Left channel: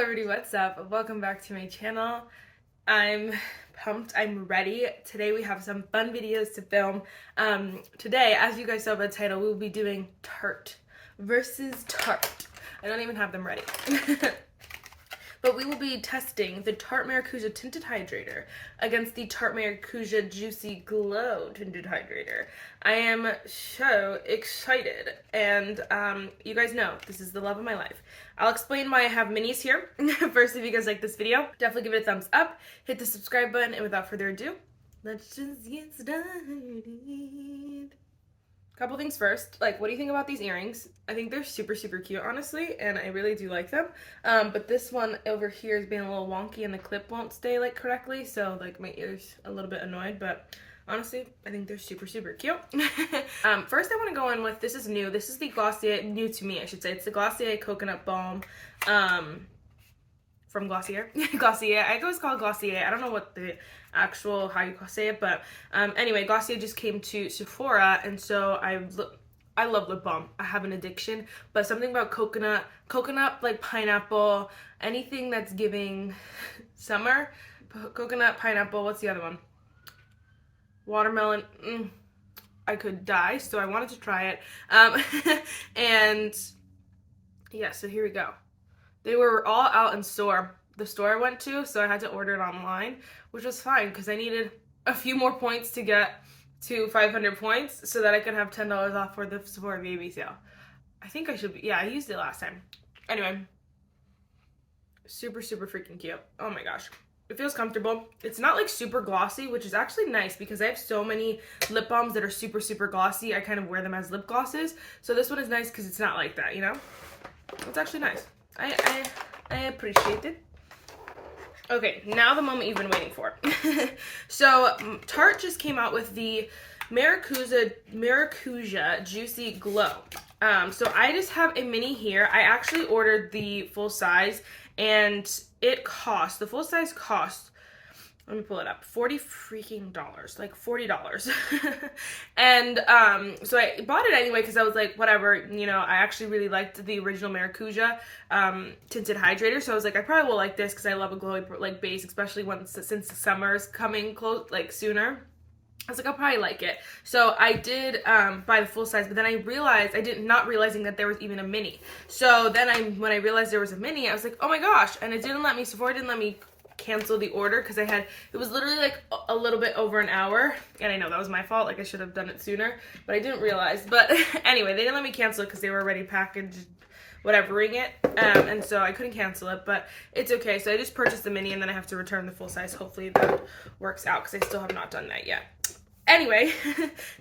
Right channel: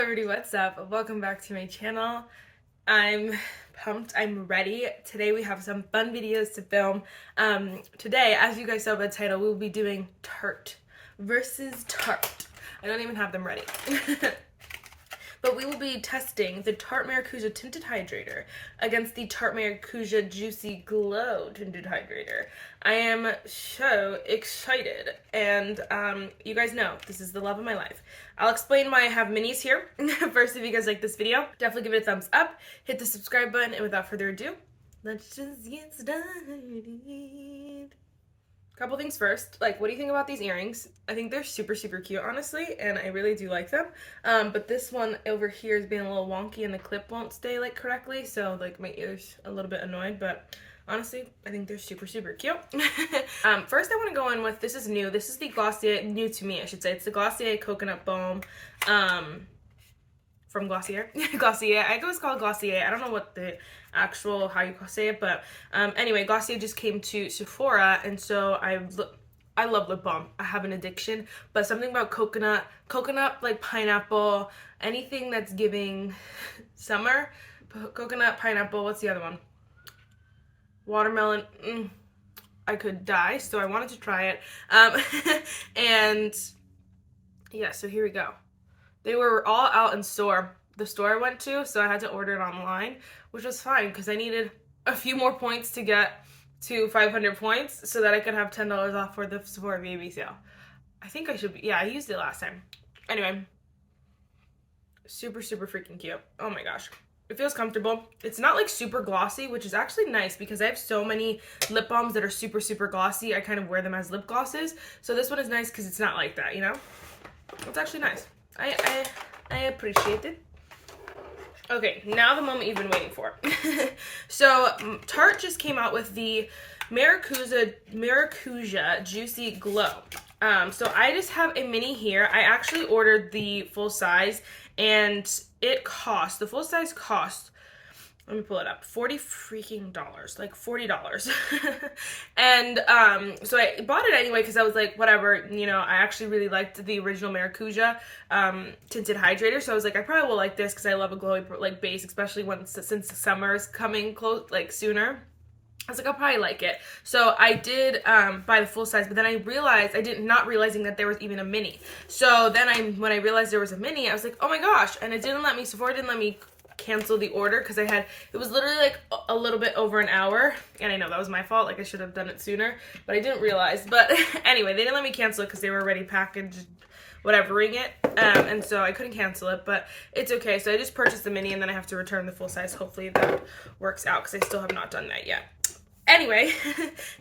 everybody, what's up? Welcome back to my channel. I'm pumped, I'm ready. Today we have some fun videos to film. Today, as you guys saw by the title, we will be doing Tarte versus Tarte. I don't even have them ready. But we will be testing the Tarte Maracuja Tinted Hydrator against the Tarte Maracuja Juicy Glow Tinted Hydrator. I am so excited, and you guys know this is the love of my life. I'll explain why I have minis here. First, if you guys like this video, definitely give it a thumbs up, hit the subscribe button, and without further ado, let's just get started. Couple things first, like, what do you think about these earrings? I think they're super cute, honestly, and I really do like them. But this one over here is being a little wonky and the clip won't stay like correctly, so like my ear's a little bit annoyed, but honestly, I think they're super cute. First I want to go in with, this is new. This is the Glossier, new to me I should say. It's the Glossier Coconut Balm from Glossier. Glossier, I always call it Glossier. I don't know what the actual, how you say it, but anyway, Glossier just came to Sephora, and so I love lip balm. I have an addiction, but something about coconut, like pineapple, anything that's giving summer, coconut, pineapple, what's the other one? Watermelon, I could die, so I wanted to try it. And yeah, so here we go. They were all out in the store I went to, so I had to order it online, which was fine because I needed a few more points to get to 500 points so that I could have $10 off for the Sephora baby sale. I think I should be, yeah, I used it last time. Anyway, super freaking cute. Oh my gosh. It feels comfortable. It's not like super glossy, which is actually nice because I have so many lip balms that are super glossy. I kind of wear them as lip glosses. So this one is nice because it's not like that, you know? It's actually nice. I appreciate it. Okay, now the moment you've been waiting for. So Tarte just came out with the Maracuja Juicy Glow. So I just have a mini here. I actually ordered the full size, and it cost, the full size cost, let me pull it up, $40 freaking dollars, like $40. And so I bought it anyway because I was like, whatever, you know, I actually really liked the original Maracuja Tinted Hydrator, so I was like, I probably will like this because I love a glowy like base, especially since the summer's coming close, like sooner. I was like, I'll probably like it. So I did buy the full size, but then I realized, not realizing that there was even a mini. So then when I realized there was a mini, I was like, oh my gosh, and Sephora didn't let me cancel the order because it was literally like a little bit over an hour, and I know that was my fault, like I should have done it sooner, but I didn't realize. But anyway, they didn't let me cancel it because they were already packaged, whatevering it, and so I couldn't cancel it, but it's okay. So I just purchased the mini, and then I have to return the full size. Hopefully that works out because I still have not done that yet. Anyway,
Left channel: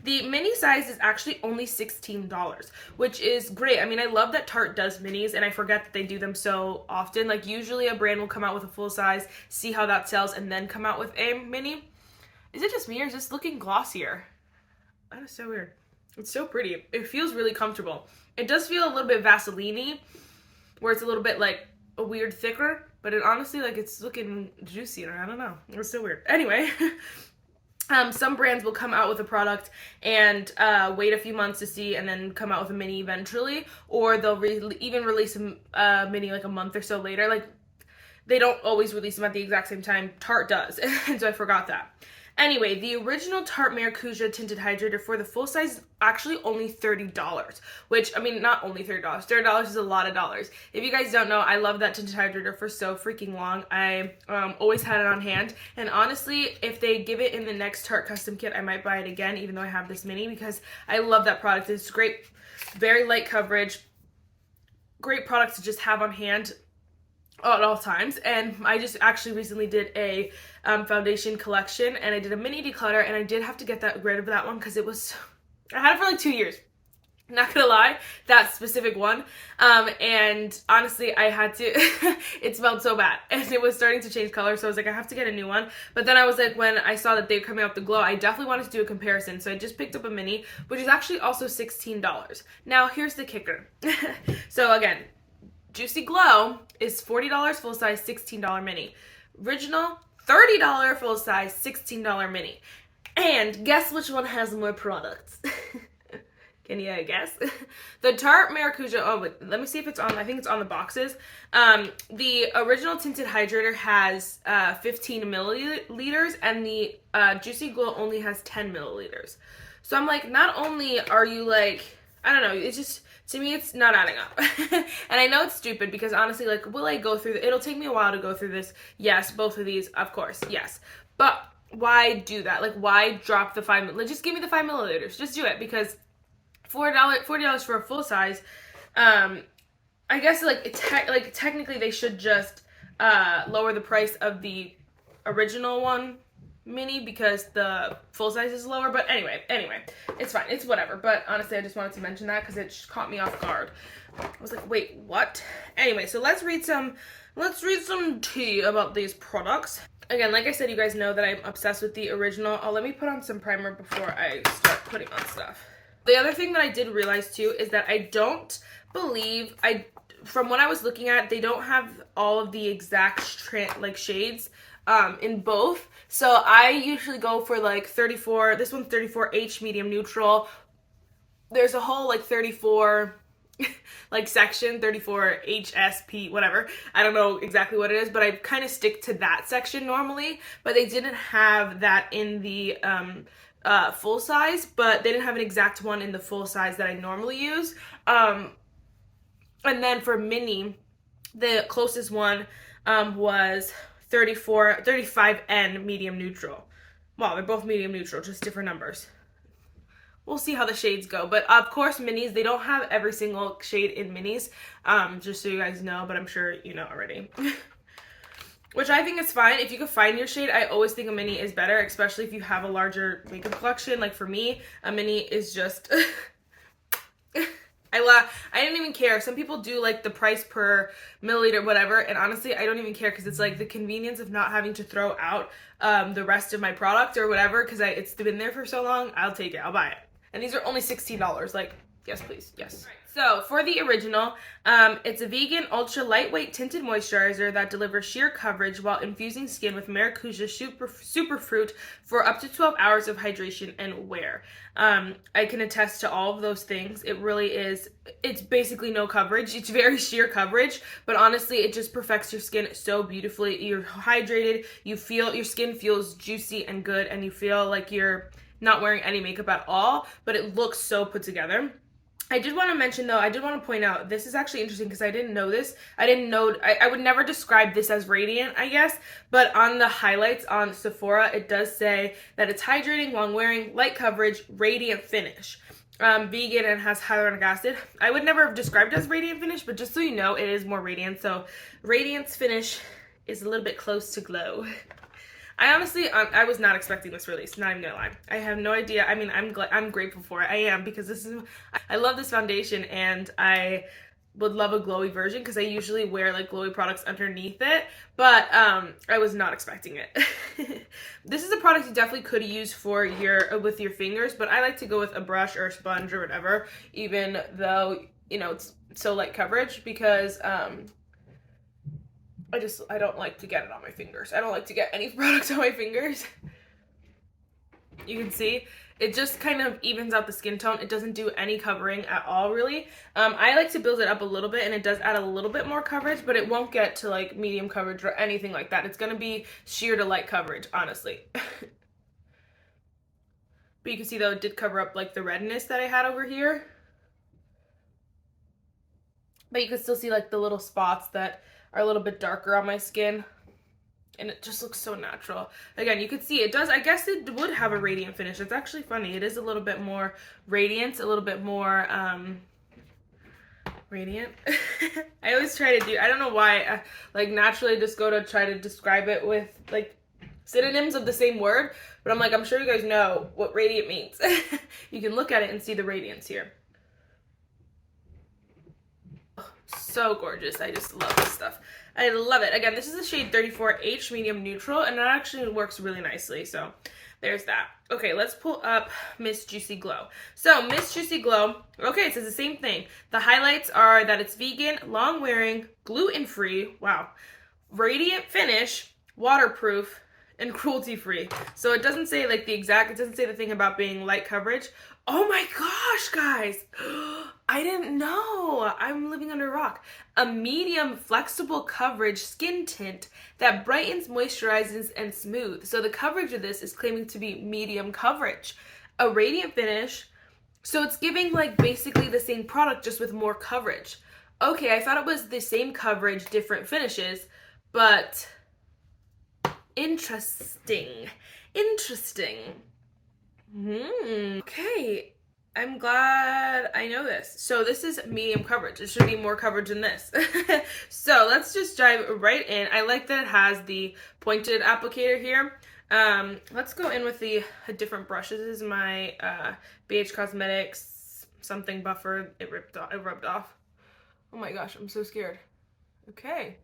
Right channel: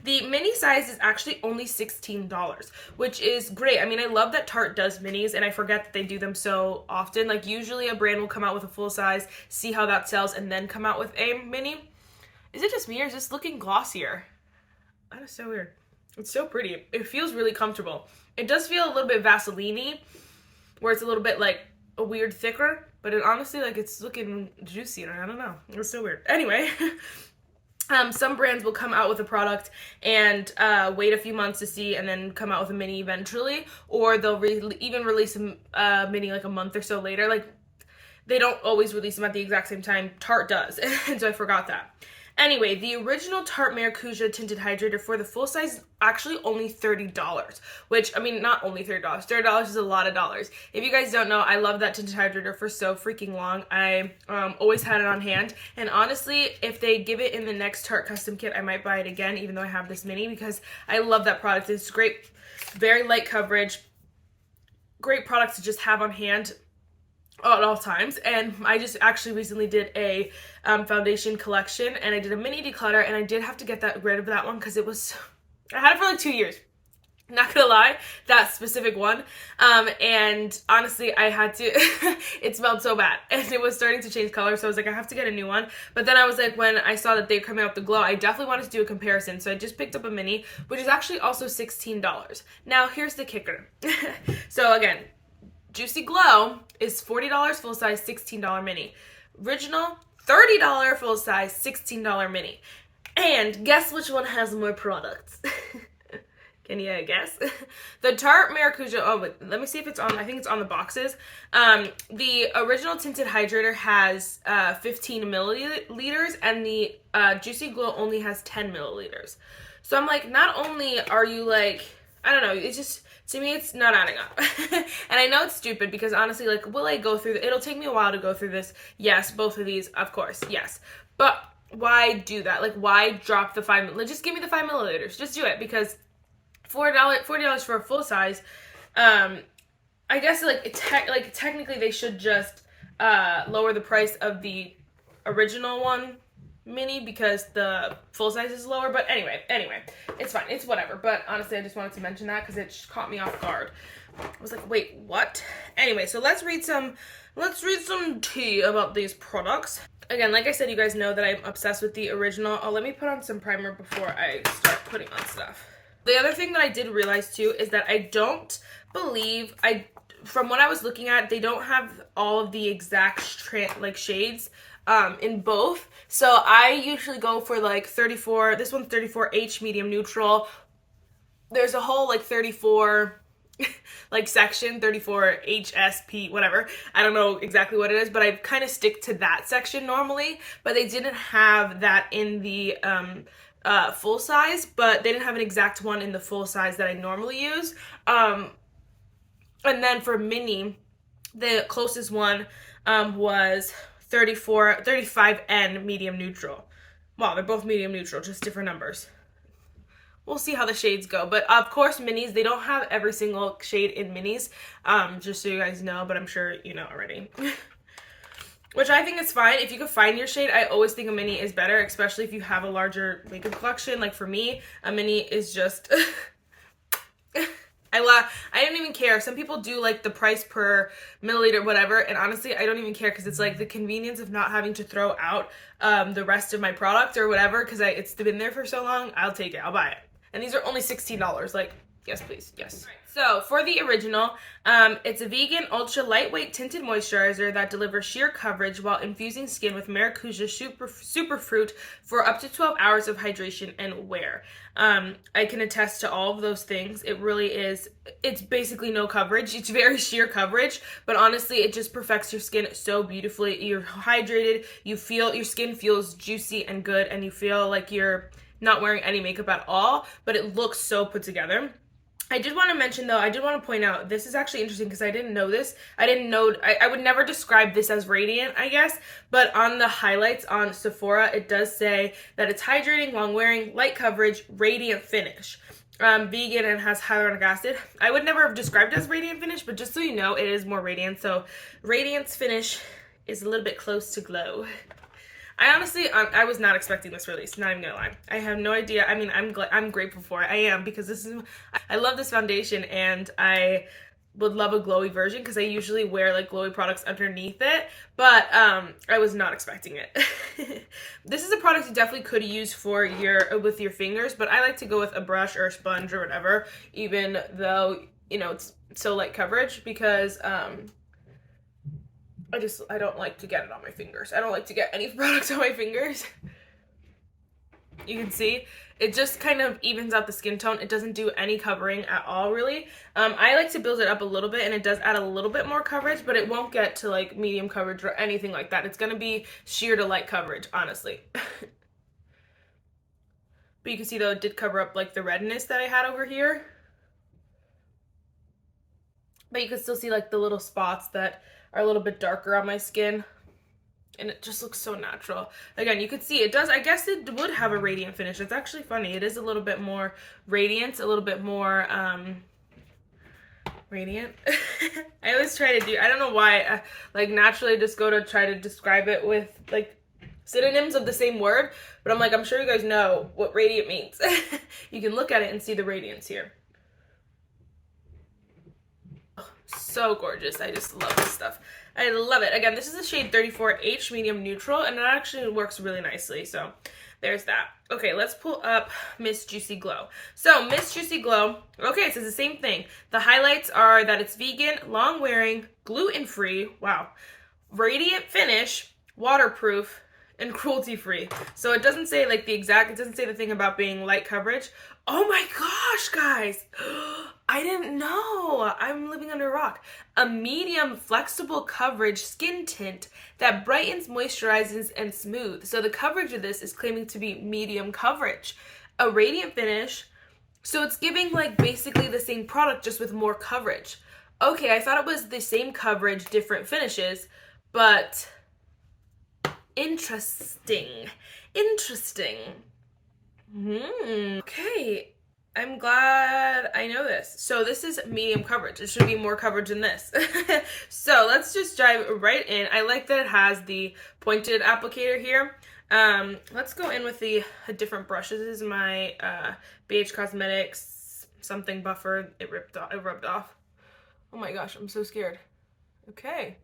the mini size is actually only $16, which is great. I mean, I love that Tarte does minis, and I forget that they do them so often. Like, usually a brand will come out with a full size, see how that sells, and then come out with a mini. Is it just me, or is this looking glossier? That is so weird. It's so pretty. It feels really comfortable. It does feel a little bit Vaseline-y, where it's a little bit, like, a weird thicker, but it honestly, like, it's looking juicier. I don't know. It's so weird. Anyway. Some brands will come out with a product and wait a few months to see, and then come out with a mini eventually, or they'll even release a mini like a month or so later. Like, they don't always release them at the exact same time. Tarte does, and so I forgot that. Anyway, the original Tarte Maracuja Tinted Hydrator for the full size is actually only $30, which, I mean, not only $30. $30 is a lot of dollars. If you guys don't know, I love that Tinted Hydrator for so freaking long. I always had it on hand, and honestly, if they give it in the next Tarte custom kit, I might buy it again, even though I have this mini, because I love that product. It's great, very light coverage, great product to just have on hand at all times. And I just actually recently did a foundation collection, and I did a mini declutter, and I did have to get rid of that one because I had it for like 2 years, not gonna lie, that specific one, and honestly I had to it smelled so bad, and it was starting to change color, so I was like, I have to get a new one. But then I was like, when I saw that they were coming out with the glow, I definitely wanted to do a comparison, so I just picked up a mini, which is actually also $16. Now here's the kicker. So again, Juicy Glow is $40 full size, $16 mini. Original, $30 full size, $16 mini. And guess which one has more products? Can you guess? The Tarte Maracuja, oh, but let me see if it's on, I think it's on the boxes. The original tinted hydrator has 15 milliliters, and the Juicy Glow only has 10 milliliters. So I'm like, not only are you like, I don't know, it's just, to me, it's not adding up. And I know it's stupid because honestly, like, will I go through, it'll take me a while to go through this. Yes, both of these, of course, yes. But why do that? Like, why drop the 5 milliliters? Just give me the 5 milliliters. Just do it, because $40 for a full size, I guess like technically they should just lower the price of the original one mini because the full size is lower. But anyway, it's fine, it's whatever. But honestly, I just wanted to mention that because it just caught me off guard. I was like, wait, what? Anyway, so let's read some tea about these products. Again, like I said, you guys know that I'm obsessed with the original. Oh, let me put on some primer before I start putting on stuff. The other thing that I did realize too is that I don't believe, from what I was looking at, they don't have all of the exact shades in both. So I usually go for like 34, this one's 34H medium neutral. There's a whole like 34 like section, 34HSP, whatever. I don't know exactly what it is, but I kind of stick to that section normally. But they didn't have that in the full size, but they didn't have an exact one in the full size that I normally use. And then for mini, the closest one was 35N medium neutral. Wow, they're both medium neutral, just different numbers. We'll see how the shades go. But of course, minis, they don't have every single shade in minis, just so you guys know, but I'm sure you know already. Which I think is fine. If you can find your shade, I always think a mini is better, especially if you have a larger makeup collection. Like for me, a mini is just... I didn't even care. Some people do like the price per milliliter, whatever, and honestly, I don't even care because it's like the convenience of not having to throw out the rest of my product or whatever because it's been there for so long. I'll take it. I'll buy it. And these are only $16. Like, yes, please. Yes. So for the original, it's a vegan, ultra lightweight tinted moisturizer that delivers sheer coverage while infusing skin with Maracuja superfruit for up to 12 hours of hydration and wear. I can attest to all of those things. It really is, it's basically no coverage. It's very sheer coverage, but honestly, it just perfects your skin so beautifully. You're hydrated, you feel, your skin feels juicy and good, and you feel like you're not wearing any makeup at all, but it looks so put together. I did want to mention though, I did want to point out, this is actually interesting because I didn't know this. I would never describe this as radiant, I guess, but on the highlights on Sephora, it does say that it's hydrating, long wearing, light coverage, radiant finish. Vegan and has hyaluronic acid. I would never have described it as radiant finish, but just so you know, it is more radiant. So radiance finish is a little bit close to glow. I honestly, I was not expecting this release, not even gonna lie. I have no idea. I mean, I'm grateful for it. I am, because I love this foundation, and I would love a glowy version because I usually wear like glowy products underneath it, but I was not expecting it. This is a product you definitely could use for with your fingers, but I like to go with a brush or a sponge or whatever, even though, you know, it's so light coverage, because I don't like to get it on my fingers. I don't like to get any products on my fingers. You can see, it just kind of evens out the skin tone. It doesn't do any covering at all, really. I like to build it up a little bit, and it does add a little bit more coverage, but it won't get to like medium coverage or anything like that. It's gonna be sheer to light coverage, honestly. But you can see though, it did cover up like the redness that I had over here. But you can still see like the little spots that are a little bit darker on my skin, and it just looks so natural. Again, you could see it does, I guess it would have a radiant finish. It's actually funny. It is a little bit more radiant, a little bit more radiant. I always try to do, I don't know why, I like naturally just go to try to describe it with like synonyms of the same word, but I'm like, I'm sure you guys know what radiant means. You can look at it and see the radiance here. So gorgeous. I just love this stuff. I love it. Again, this is the shade 34H medium neutral, and it actually works really nicely. So there's that. Okay, let's pull up Miss Juicy Glow. So Miss Juicy Glow, okay, it says the same thing. The highlights are that it's vegan, long wearing, gluten-free, wow, radiant finish, waterproof, and cruelty-free. So it doesn't say like it doesn't say the thing about being light coverage. Oh my gosh, guys. I didn't know. I'm living under a rock. a medium flexible coverage skin tint that brightens, moisturizes, and smooths. So the coverage of this is claiming to be medium coverage. A radiant finish, so it's giving like basically the same product just with more coverage. Okay, I thought it was the same coverage, different finishes, but interesting. Okay, I'm glad I know this. So this is medium coverage. It should be more coverage than this. So let's just dive right in. I like that it has the pointed applicator here. Let's go in with a different brush. This is my BH Cosmetics something buffer. It rubbed off. Oh my gosh, I'm so scared. Okay.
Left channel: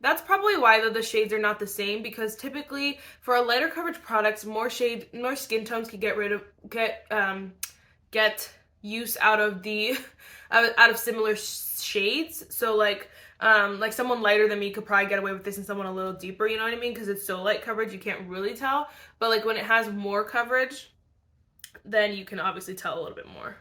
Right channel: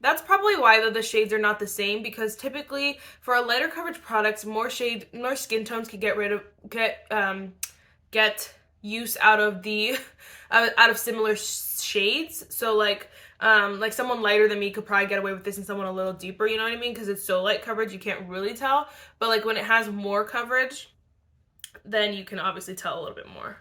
That's probably why the shades are not the same, because typically for a lighter coverage products, more skin tones can get use out of the out of similar shades. So like someone lighter than me could probably get away with this, and someone a little deeper, you know what I mean? Because it's so light coverage, you can't really tell. But like when it has more coverage, then you can obviously tell a little bit more.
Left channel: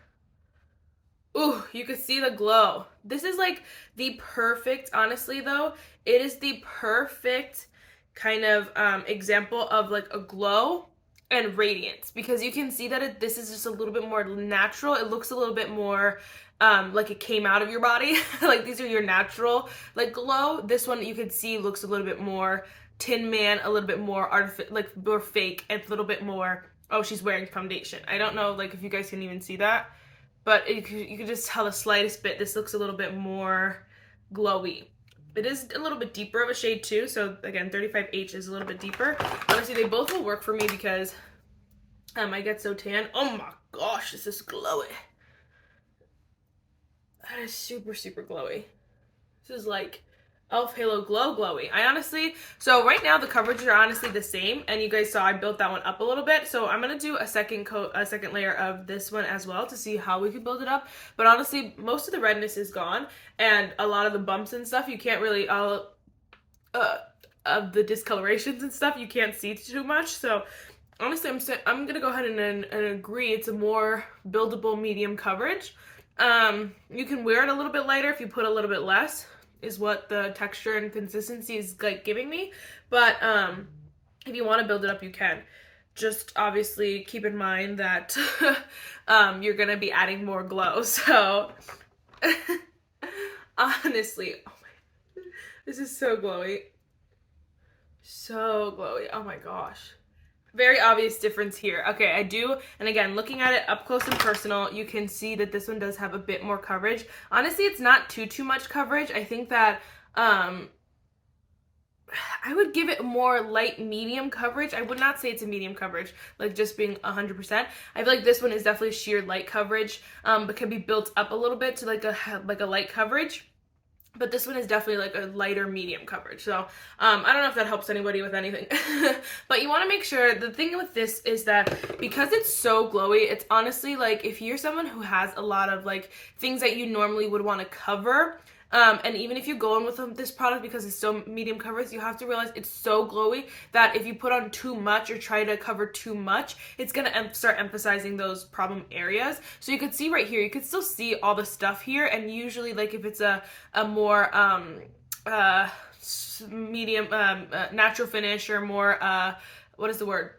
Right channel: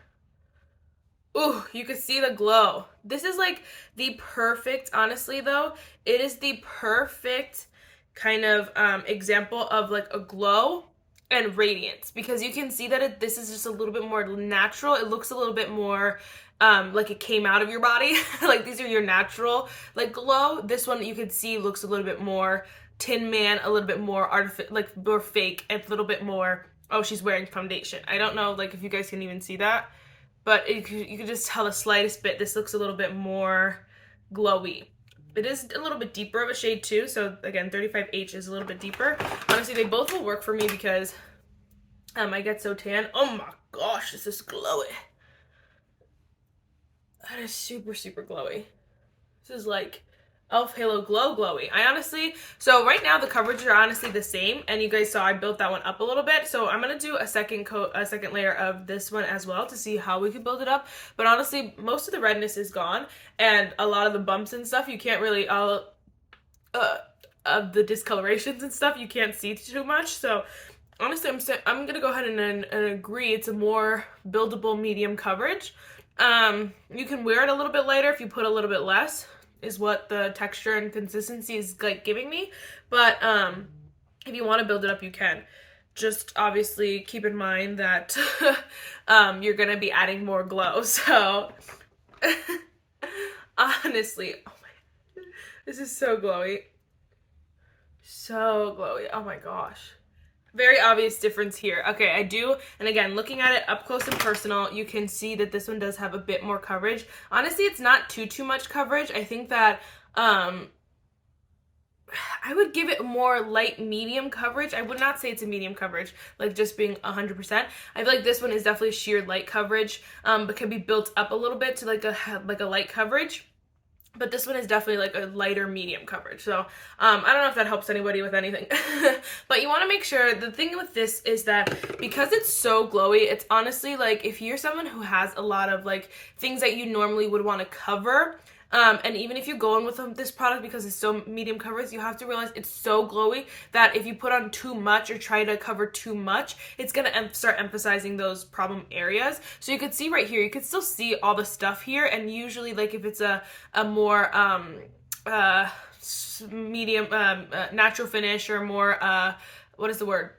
Ooh, you can see the glow. This is like the perfect, honestly though, it is the perfect kind of example of like a glow and radiance, because you can see that this is just a little bit more natural. It looks a little bit more like it came out of your body. Like these are your natural like glow. This one you can see looks a little bit more Tin Man, a little bit more like more fake, and a little bit more, oh, she's wearing foundation. I don't know like if you guys can even see that, but you can just tell the slightest bit. This looks a little bit more glowy. It is a little bit deeper of a shade too. So again, 35H is a little bit deeper. Honestly, they both will work for me because I get so tan. Oh my gosh, this is glowy. That is super, super glowy. This is like Elf Halo Glow glowy. So right now the coverage are honestly the same, and you guys saw I built that one up a little bit. So I'm gonna do a second layer of this one as well to see how we can build it up. But honestly, most of the redness is gone, and a lot of the bumps and stuff you can't really of the discolorations and stuff you can't see too much. So honestly, I'm gonna go ahead and agree it's a more buildable medium coverage. You can wear it a little bit lighter if you put a little bit less, is what the texture and consistency is like giving me. But if you want to build it up, you can. Just obviously keep in mind that you're gonna be adding more glow. So honestly, oh my, this is so glowy. So glowy. Oh my gosh. Very obvious difference here. Okay, I do, and again, looking at it up close and personal, you can see that this one does have a bit more coverage. Honestly, it's not too much coverage. I think that I would give it more light medium coverage. I would not say it's a medium coverage, like just being 100%. I feel like this one is definitely sheer light coverage, but can be built up a little bit to like a light coverage. But this one is definitely like a lighter medium coverage. So I don't know if that helps anybody with anything. But you want to make sure, the thing with this is that because it's so glowy, it's honestly like if you're someone who has a lot of like things that you normally would want to cover, and even if you go in with this product because it's so medium coverage, you have to realize it's so glowy that if you put on too much or try to cover too much, it's going to start emphasizing those problem areas. So you could see right here, you could still see all the stuff here, and usually like if it's a more medium natural finish or more what is the word,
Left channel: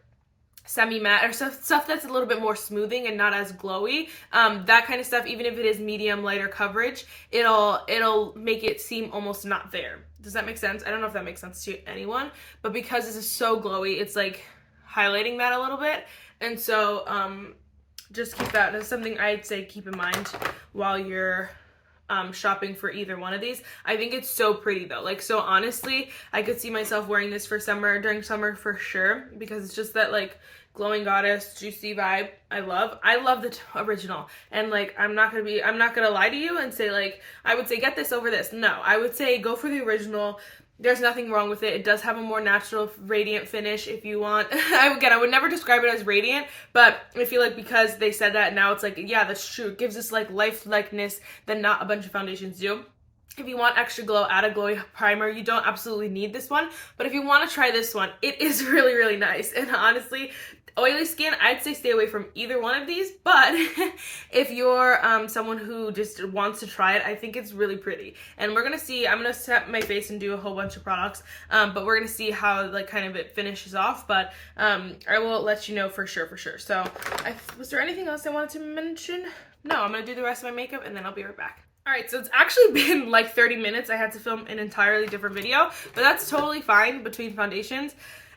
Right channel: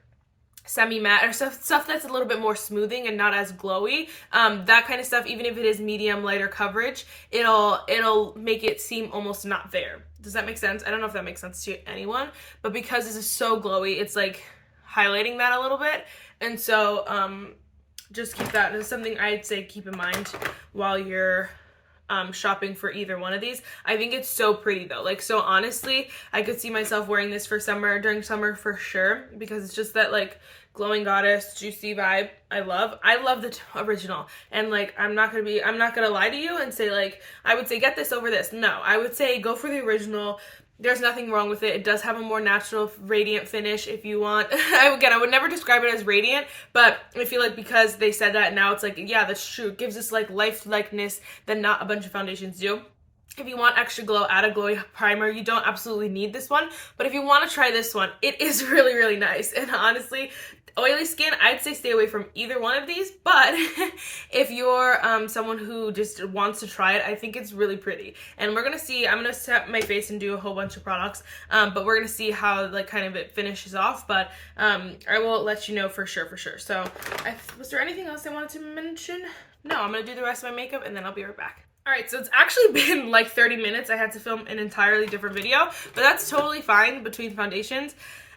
semi-matte or stuff that's a little bit more smoothing and not as glowy, that kind of stuff, even if it is medium lighter coverage, it'll make it seem almost not there. Does that make sense? I don't know if that makes sense to anyone, but because this is so glowy, it's like highlighting that a little bit. And so just keep that as something I'd say keep in mind while you're shopping for either one of these. I think it's so pretty though. Like, so honestly, I could see myself wearing this for summer, during summer for sure, because it's just that like glowing goddess juicy vibe I love the original. And like I'm not gonna lie to you and say like I would say get this over this. No, I would say go for the original. There's nothing wrong with it. It does have a more natural radiant finish if you want. I would never describe it as radiant, but I feel like because they said that, now it's like, yeah, that's true. It gives us like lifelikeness that not a bunch of foundations do. If you want extra glow, add a glowy primer. You don't absolutely need this one, but if you want to try this one, it is really, really nice. And honestly, oily skin, I'd say stay away from either one of these, but if you're someone who just wants to try it, I think it's really pretty. And we're gonna see, I'm gonna set my face and do a whole bunch of products, but we're gonna see how like kind of it finishes off, but I will let you know for sure. So was there anything else I wanted to mention? No, I'm gonna do the rest of my makeup and then I'll be right back. Alright, so it's actually been like 30 minutes. I had to film an entirely different video, but that's totally fine between foundations.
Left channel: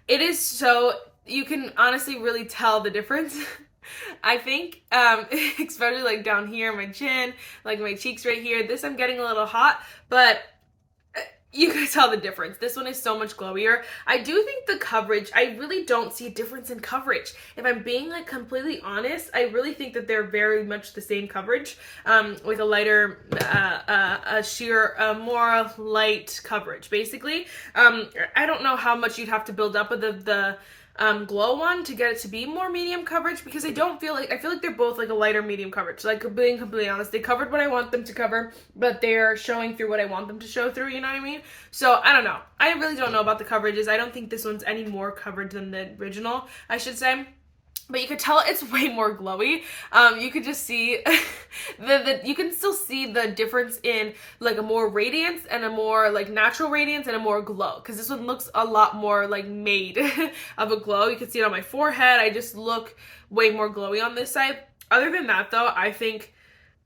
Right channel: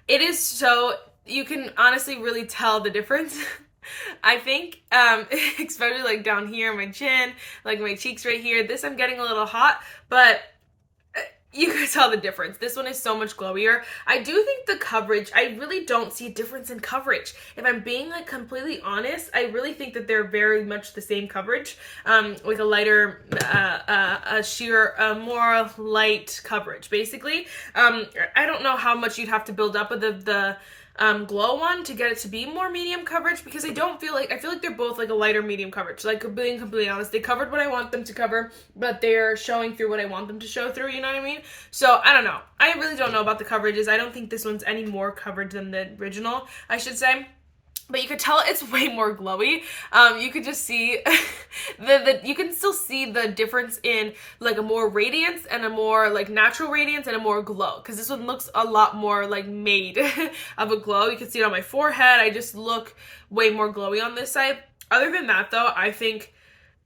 It is so, you can honestly really tell the difference. I think, especially like down here, my chin, like my cheeks right here. This I'm getting a little hot, but you can tell the difference. This one is so much glowier. I do think the coverage, I really don't see a difference in coverage. If I'm being like completely honest, I really think that they're very much the same coverage, with a lighter, more light coverage, basically. I don't know how much you'd have to build up with the glow one to get it to be more medium coverage, because I feel like they're both like a lighter medium coverage. Like being completely honest, they covered what I want them to cover, but they're showing through what I want them to show through, you know what I mean? So I don't know, I really don't know about the coverages. I don't think this one's any more coverage than the original, I should say. But you could tell it's way more glowy. You could just see you can still see the difference in like a more radiance and a more like natural radiance and a more glow, because this one looks a lot more like made of a glow. You can see it on my forehead. I just look way more glowy on this side. Other than that though, I think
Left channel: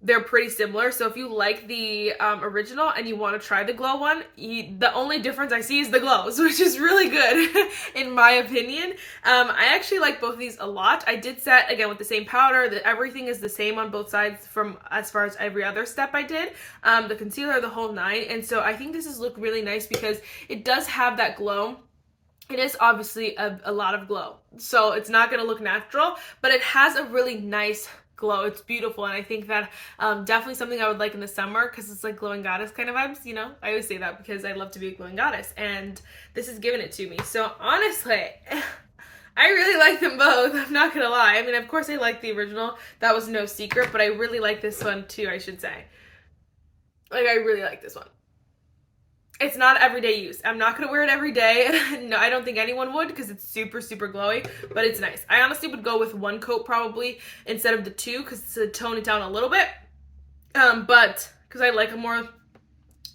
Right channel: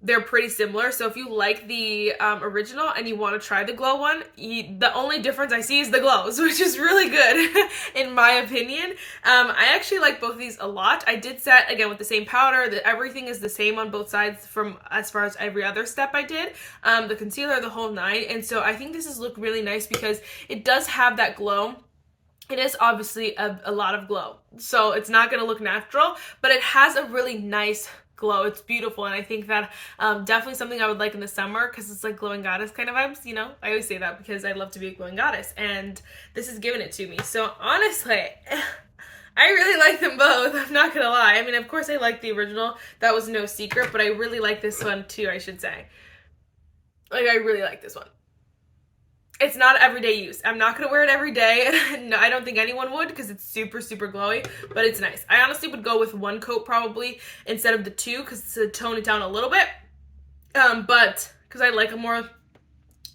they're pretty similar. So if you like the original and you want to try the glow one, the only difference I see is the glows, which is really good in my opinion. I actually like both of these a lot. I did set again with the same powder, that everything is the same on both sides from as far as every other step I did. The concealer, the whole nine. And so I think this is look really nice because it does have that glow. It is obviously a lot of glow, so it's not going to look natural, but it has a really nice glow. It's beautiful, and I think that definitely something I would like in the summer, because it's like glowing goddess kind of vibes, you know? I always say that because I love to be a glowing goddess, and this is giving it to me. So honestly, I really like them both, I'm not gonna lie. I mean, of course I like the original, that was no secret, but I really like this one too, I should say. Like, I really like this one. It's not everyday use. I'm not gonna wear it every day. No, I don't think anyone would, because it's super, super glowy, but it's nice. I honestly would go with one coat probably instead of the two, because to tone it down a little bit. But because I like a more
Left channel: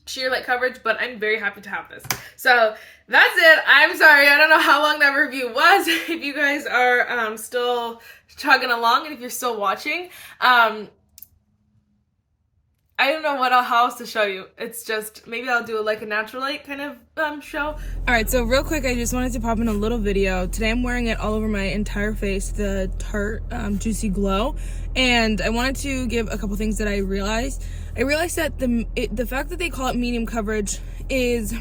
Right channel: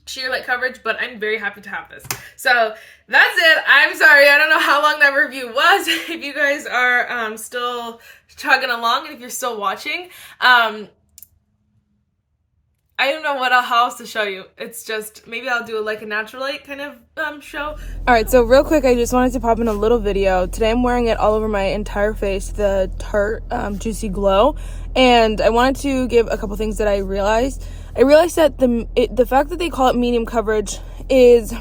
sheer light coverage, but I'm very happy to have this. So that's it. I'm sorry, I don't know how long that review was. If you guys are still chugging along, and if you're still watching, I don't know what else to show you. It's just, maybe I'll do like a natural light kind of show. Alright, so real quick, I just wanted to pop in a little video. Today I'm wearing it all over my entire face, the Tarte Juicy Glow. And I wanted to give a couple things that I realized. I realized that the fact that they call it medium coverage is,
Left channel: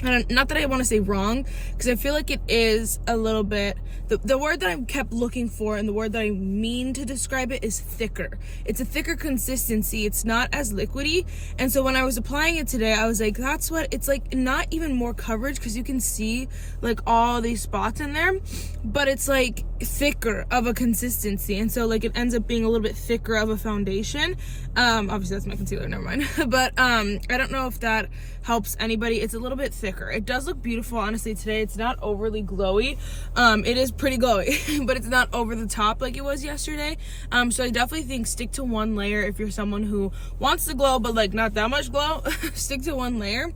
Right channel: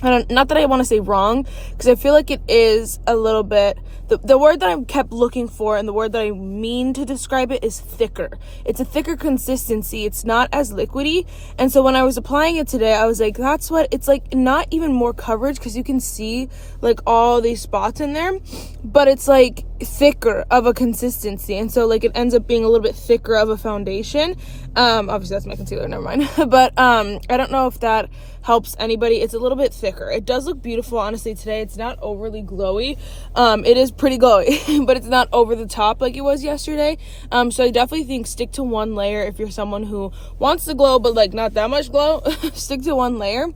not that I want to say wrong, because I feel like it is a little bit, the word that I kept looking for and the word that I mean to describe it is thicker. It's a thicker consistency. It's not as liquidy. And so when I was applying it today, I was like, that's what, it's like not even more coverage, because you can see like all these spots in there, but it's like thicker of a consistency. And so like it ends up being a little bit thicker of a foundation. Obviously that's my concealer, never mind. But I don't know if that helps anybody. It's a little bit thicker. It does look beautiful, honestly, today. It's not overly glowy. It is pretty glowy, but it's not over the top like it was yesterday. So I definitely think stick to one layer if you're someone who wants to glow, but like not that much glow. Stick to one layer.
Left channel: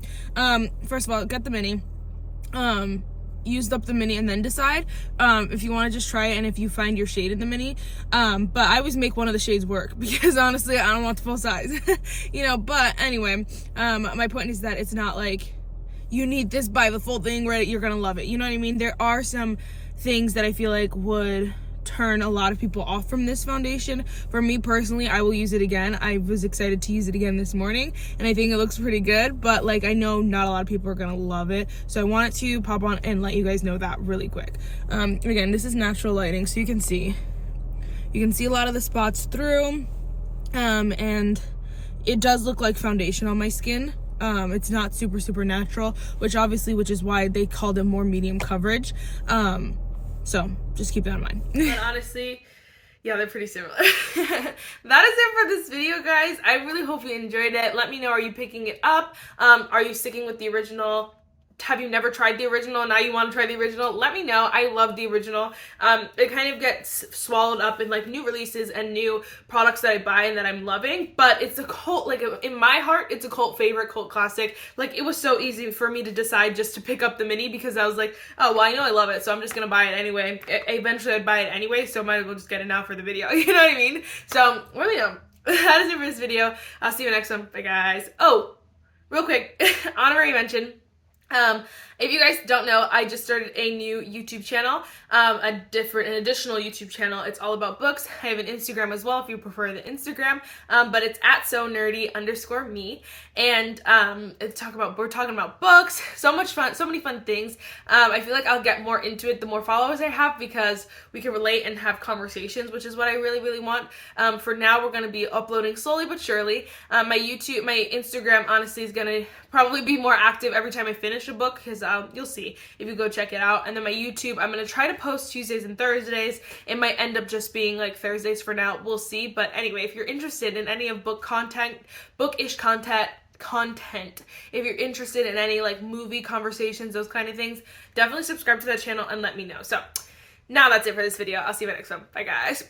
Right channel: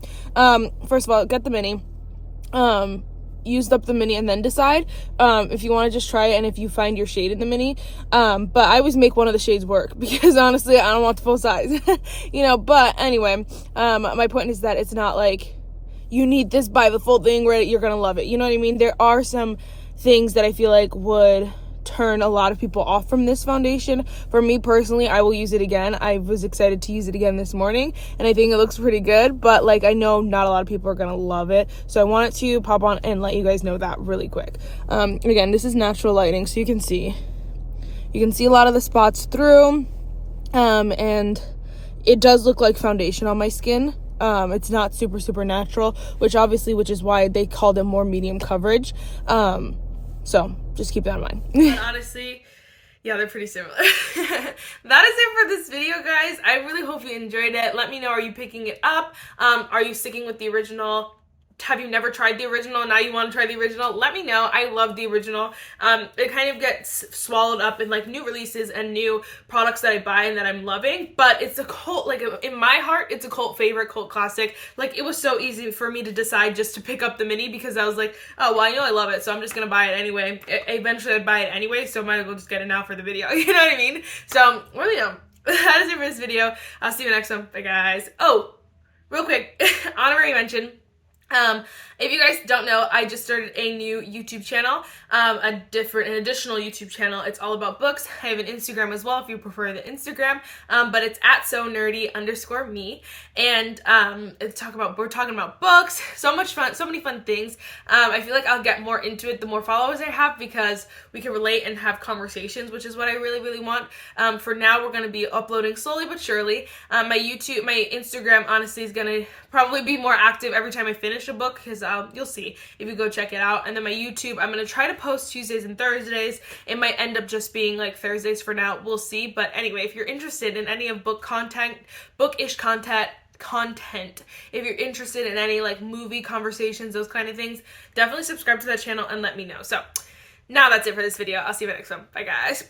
First of all, get the mini. Used up the mini and then decide if you want to just try it and if you find your shade in the mini. But I always make one of the shades work, because honestly I don't want the full size. You know, but anyway, my point is that it's not like you need this by the full thing where you're gonna love it, you know what I mean? There are some things that I feel like would turn a lot of people off from this foundation. For me personally, I will use it again. I was excited to use it again this morning, and I think it looks pretty good, but like I know not a lot of people are gonna love it, so I wanted to pop on and let you guys know that really quick. Again, this is natural lighting, so you can see a lot of the spots through, and it does look like foundation on my skin. It's not super, super natural, which is why they called it more medium coverage. So just keep that in mind. Honestly, Yeah, they're pretty similar. That is it for this video, guys. I really hope you enjoyed it. Let me know, are you picking it up? Are you sticking with the original? Have you never tried the original and now you want to try the original? Let me know. I love the original. It kind of gets swallowed up in like new releases and new products that I buy and that I'm loving, but it's a cult, like in my heart, it's a cult favorite, cult classic. Like it was so easy for me to decide just to pick up the mini because I was like, oh, well, I know I love it, so I'm just gonna buy it anyway. Eventually I'd buy it anyway, so might as well just get it now for the video. You know what I mean? So, really, that is it for this video. I'll see you next one. Bye, guys. Oh, real quick, honorary mention. If you guys don't know, I just started a new YouTube channel, an additional YouTube channel. It's all about books. I have an Instagram as well if you prefer the Instagram, but it's at @sonerdy_me, and we're talking about books, so much fun, so many fun things. I feel like I'll get more into it the more followers I have because we can relate and have conversations, which is what I really, really want. For now, we're going to be uploading slowly but surely. My Instagram, honestly, is going to probably be more active every time I finish a book because you'll see if you go check it out. And then my YouTube, I'm going to try to post Tuesdays and Thursdays. It might end up just being like Thursdays for now. We'll see. But anyway, if you're interested in any of bookish content, if you're interested in any like movie conversations, those kind of things, definitely subscribe to that channel and let me know. So now that's it for this video. I'll see you in the next one. Bye, guys.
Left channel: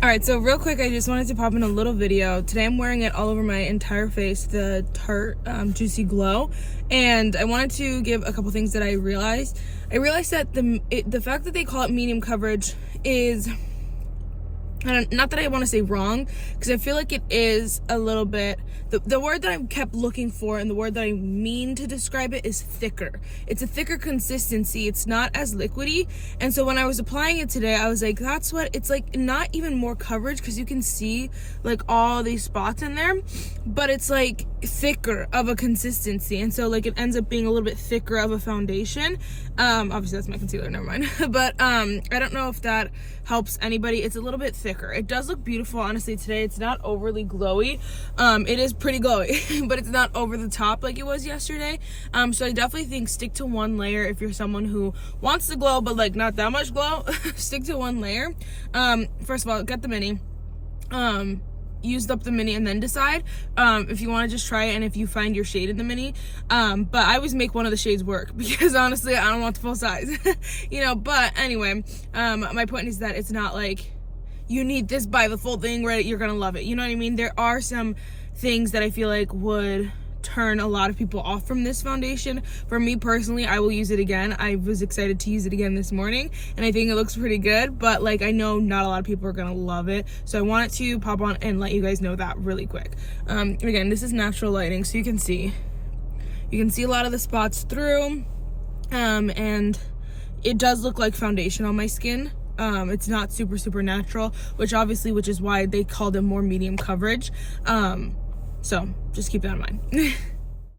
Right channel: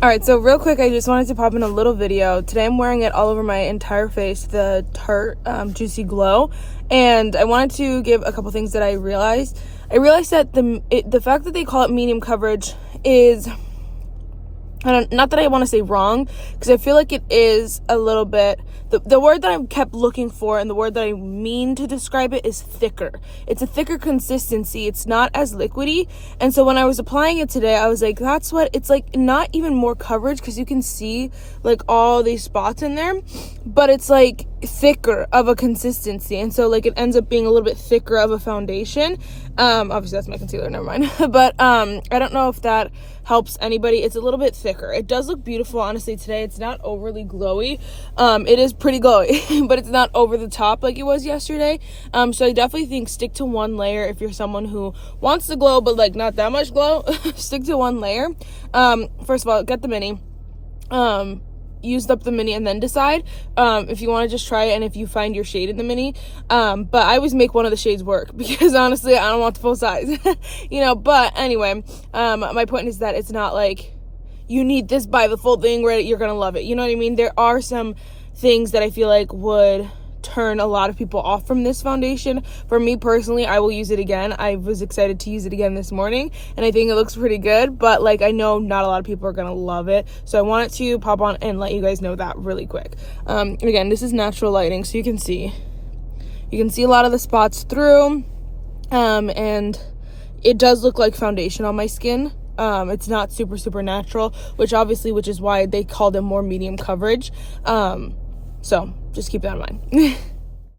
Alright, so real quick, I just wanted to pop in a little video. Today I'm wearing it all over my entire face, the Tarte Juicy Glow. And I wanted to give a couple things that I realized. I realized that the fact that they call it medium coverage is not that I want to say wrong, because I feel like it is a little bit, the word that I kept looking for and the word that I mean to describe it is thicker. It's a thicker consistency. It's not as liquidy. And so when I was applying it today, I was like, that's what it's like, not even more coverage, because you can see like all these spots in there, but it's like thicker of a consistency. And so like it ends up being a little bit thicker of a foundation. Obviously that's my concealer, never mind. But I don't know if that helps anybody. It's a little bit thicker. It does look beautiful, honestly. Today it's not overly glowy. It is pretty glowy, but it's not over the top like it was yesterday. So I definitely think stick to one layer if you're someone who wants to glow but like not that much glow. Stick to one layer. First of all, get the mini. Used up the mini and then decide if you want to just try it and if you find your shade in the mini. But I always make one of the shades work, because honestly I don't want the full size. You know, but anyway, my point is that it's not like you need this, buy the full thing where you're gonna love it, you know what I mean? There are some things that I feel like would turn a lot of people off from this foundation. For me personally, I will use it again. I was excited to use it again this morning, and I think it looks pretty good, but like I know not a lot of people are gonna love it, so I wanted to pop on and let you guys know that really quick. And again, this is natural lighting, so you can see a lot of the spots through, and it does look like foundation on my skin. It's not super natural, which is why they called it more medium coverage. So just keep that in mind.